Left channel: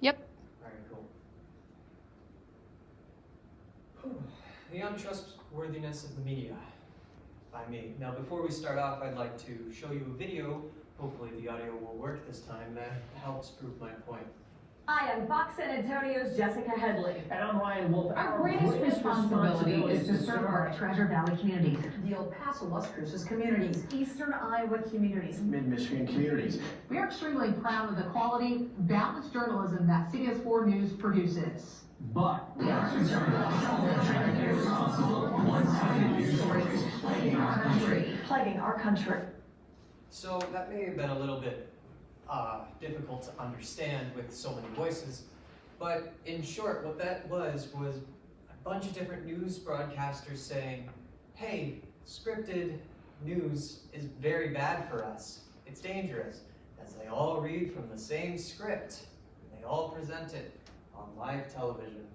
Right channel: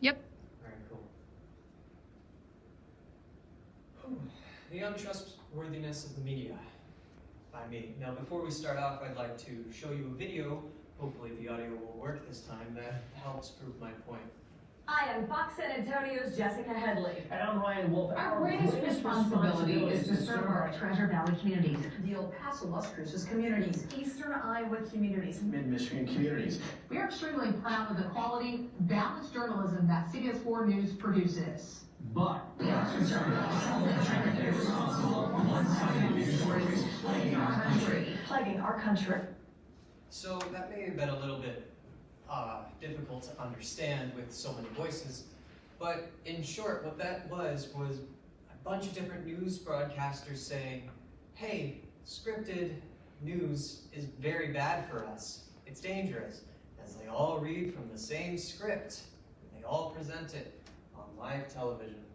Yep. All right, cool. The untrustworthiness of the media by me. Now, before we start off, I'd like to show you a video. Hopefully the audio will work this time. That helps prove my point. Hi, I'm Fox San Antonio's Jessica Headley. And I'm Ryan Wolf. Our greatest responsibility is to serve our Treasure Valley communities, the El Paso, Las Cruces communities, Eastern Iowa communities, Mid-Michigan communities. We are extremely proud of the quality, balanced journalism that CS4 News produces. But We are concerned about irresponsible, one-sided news stories plaguing our country. So that may have been a little bit difficult to understand with so many voices, but in short, what that was a bunch of different news broadcasters saying, hey, scripted news is very bad for us. It's dangerous, as they all read from the same script, and they all present it on live television.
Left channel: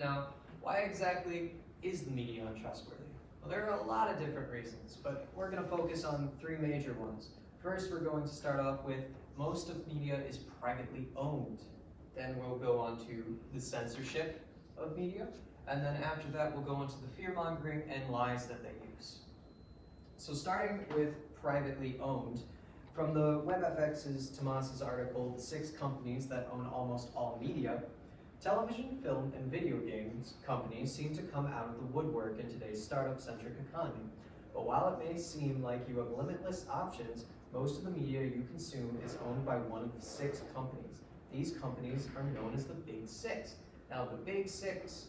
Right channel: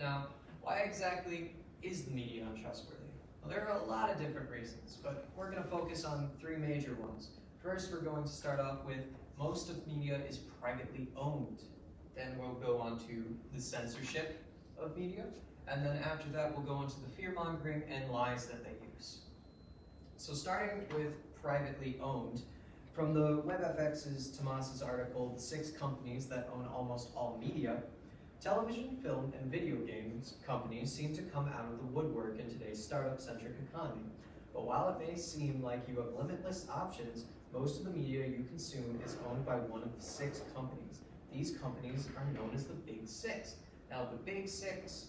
Now, why exactly is the media untrustworthy? Well, there are a lot of different reasons, but we're going to focus on three major ones. First, we're going to start off with most of media is privately owned. Then we'll go on to the censorship of media, and then after that we'll go into the fear-mongering and lies that they use. So starting with privately owned, from the WebFX's Tomas's article, The 6 Companies That Own Almost All Media, television, film, and video games companies seem to come out of the woodwork in today's startup-centric economy. But while it may seem like you have limitless options, most of the media you consume is owned by one of the 6 companies. These companies are known as the Big 6. Now, the Big 6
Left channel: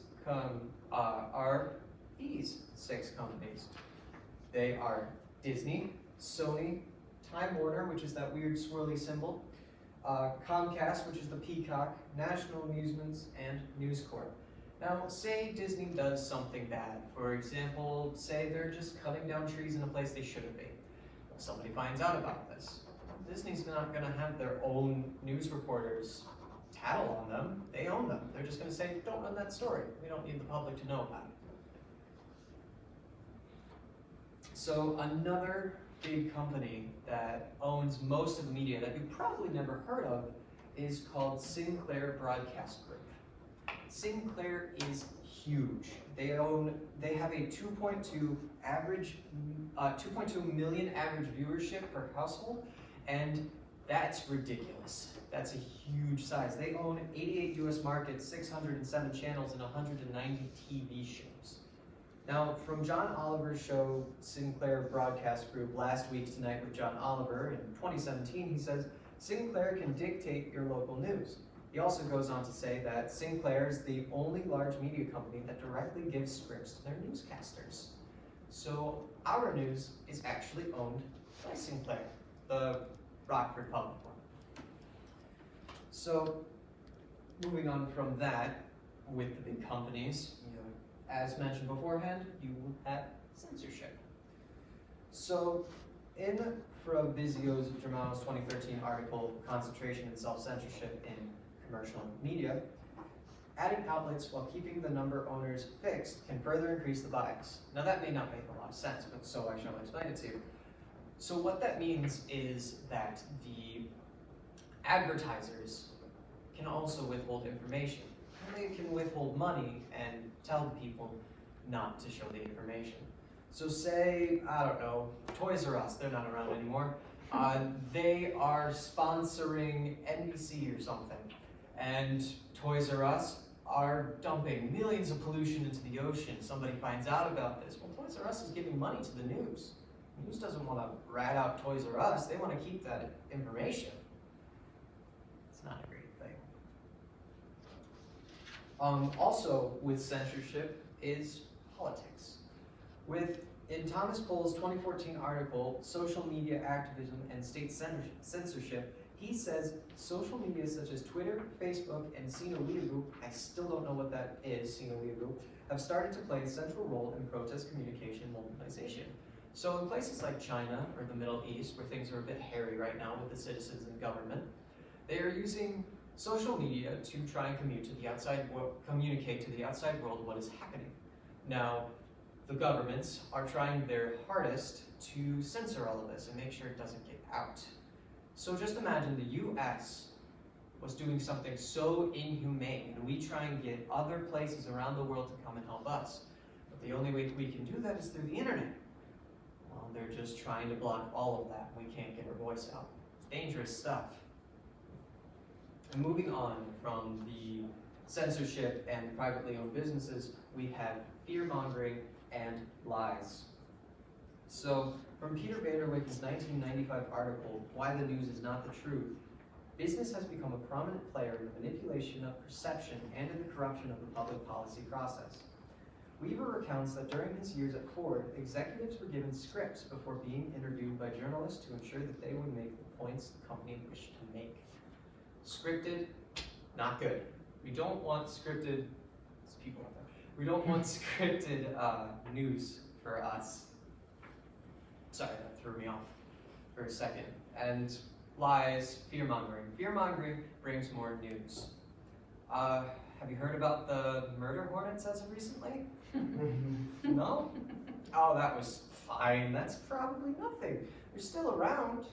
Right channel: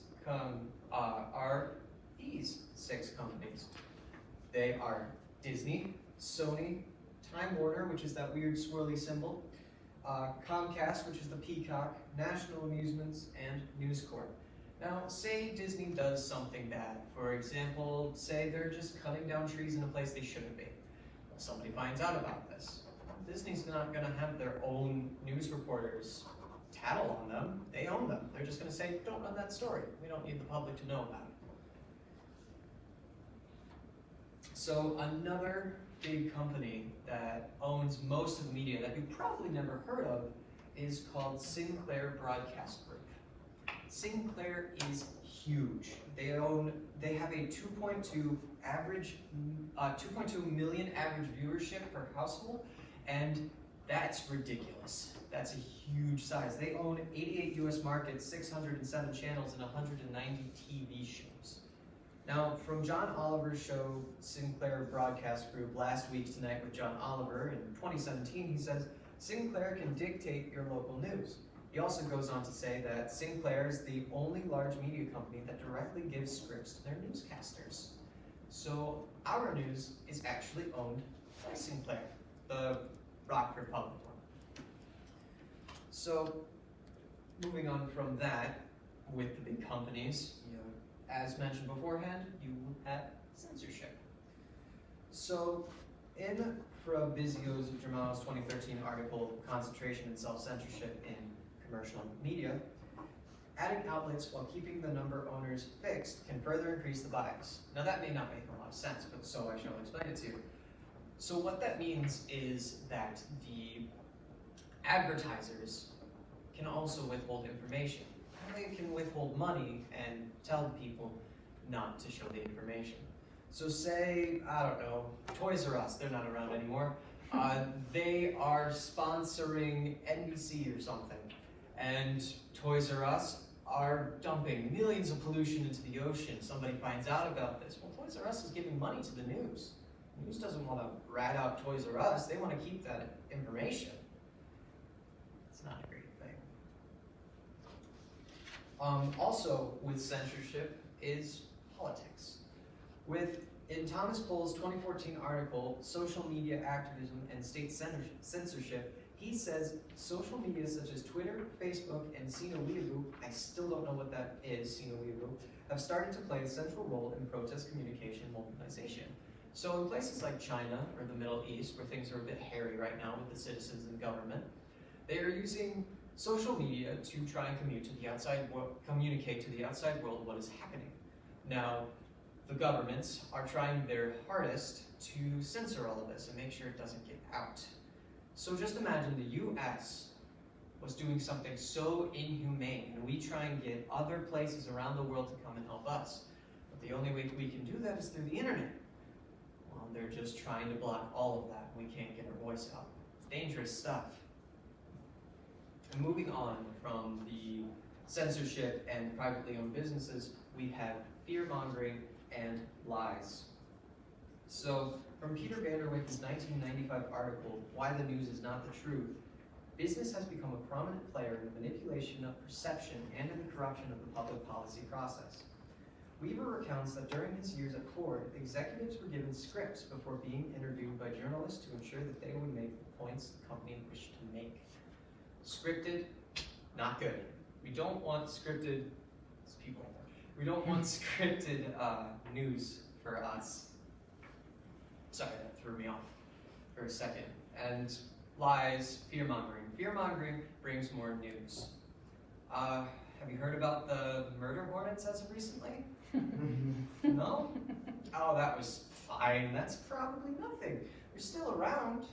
are these 6 companies. They are Disney, Sony, Time Warner, which is that weird swirly symbol, Comcast, which is the peacock, National Amusements, and News Corp. Now, say Disney does something bad. For example, say they're just cutting down trees in a place they shouldn't be. If somebody finds out about this, Disney's not going to have their own news reporters tattle on them. They own them. They're just going to say, don't run that story. We don't need the public to know about it. So another big company that owns most of the media that you've probably never heard of is called Sinclair Broadcast Group. Sinclair is huge. They have a 2.2 million average viewership per household, and that's ridiculous. That's a huge size. They own 88 US markets, 607 channels, and 190 TV shows. Now, from John Oliver's show, Sinclair Broadcast Group, Last Week Tonight with John Oliver, in 2017, he says, Sinclair can dictate your local news. He also goes on to say that Sinclair is the only large media company that directly gives scripts to their newscasters. So our news is actually owned by Sinclair, the Rockford Public one. So moving on from that, with the big companies, as mentioned beforehand, you have censorship. So in Fabrizio's Germano's 2013 article, Concentration and Self-Censorship in Commercial Media, adding outlets while keeping the number of owners fixed can further increase the bias. Now that may not make a lot of sense, but so I shall explain it to you. So what that means is that the advertisers can also withhold information. They can withhold money and tell people not to show the information. So say, I don't know, Toys R Us, they're not around anymore. They are sponsoring NBC or something. And Toys R Us are dumping millions of pollution into the ocean. Somebody finds out about this. Well, Toys R Us is giving money to the news. The news doesn't want to rat out Toys R Us. They want to keep that information. It's not a great thing. Also, with censorship is politics. In Thomas Pohl's 2014 article, Social Media Activism and State Censorship, he says social media such as Twitter, Facebook, and Sino-Uyghur, I still don't know what that is, Sino-Uyghur, have started to play a central role in protest communication and mobilization. So in places like China or the Middle East, where things are a bit hairy right now with the citizens and government, they are using social media to try and communicate to the outside world what is happening. Now, the governments are trying their hardest to censor all of this and make sure it doesn't get out. So just imagine the US was doing something so inhumane, and we try and get other places around the world to come and help us. But the only way we can do that is through the internet. Well, they're just trying to block all of that. We can't get our voice out. It's dangerous stuff. And moving on from the censorship and privately owned businesses, we have fear-mongering and lies. So, from Peter Vanderwink's 1995 article, Why the News is Not the Truth, business has become a prominent player in the manipulation of perception and in the corruption of the public policy process. Weaver recounts that during his years at Ford, executives were given scripts before being interviewed by journalists to ensure that they would make the points the company wished to make. Scripted, not good. We don't want scripted, people out there. We don't want scripted news for us. Sorry, that threw me off for a second. And lies, fear-mongering. Fear-mongering brings more news. Have you heard about the murder hornets as of recently? No? Oh, that was fine. That's probably nothing. They're still around.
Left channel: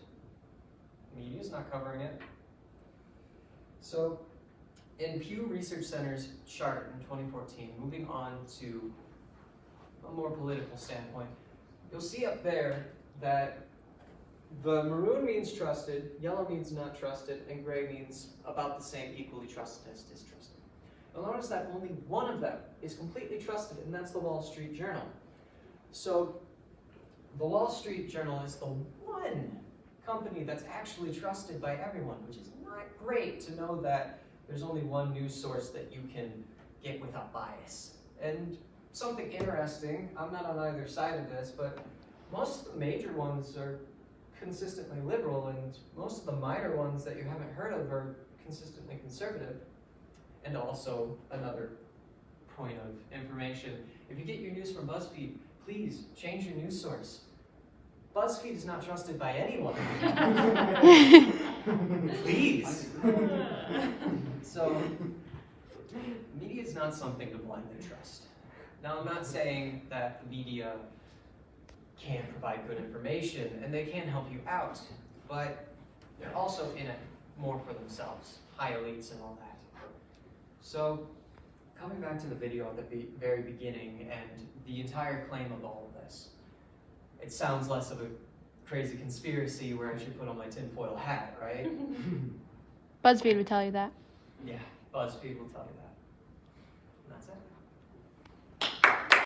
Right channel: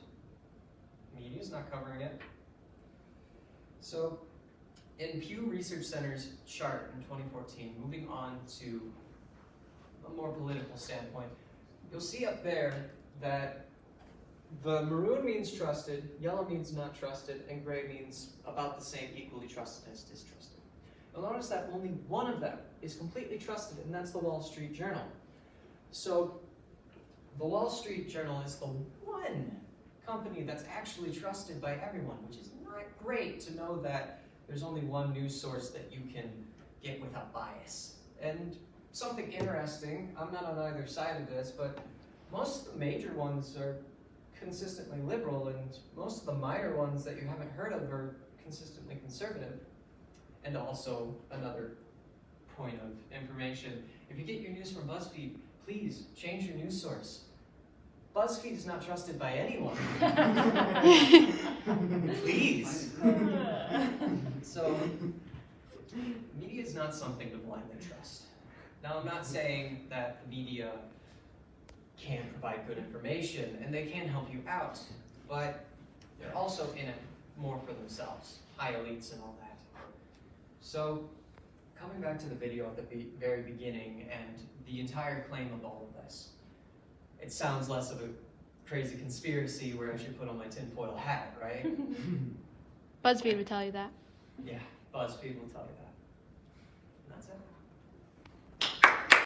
Media's not covering it. So, in Pew Research Center's chart in 2014, moving on to a more political standpoint, you'll see up there that the maroon means trusted, yellow means not trusted, and gray means about the same, equally trusted as distrusted. You'll notice that only one of them is completely trusted, and that's the Wall Street Journal. So, the Wall Street Journal is the one company that's actually trusted by everyone, which is not great to know that there's only one news source that you can get without bias. And something interesting, I'm not on either side of this, but most of the major ones are consistently liberal, and most of the minor ones that you haven't heard of are consistently conservative. And also, another point of information, if you get your news from BuzzFeed, please change your news source. BuzzFeed is not trusted by anyone. Please. So, media is not something to blindly trust. Now, I'm not saying that the media can't provide good information, and they can help you out, but they're also in it more for themselves, high elites and all that. So, coming back to the video at the very beginning and the entire claim of all of this, it sounds less of a crazy conspiracy where I should put on my tinfoil hat, right? BuzzFeed would tell you that. Yeah, BuzzFeed will tell you that.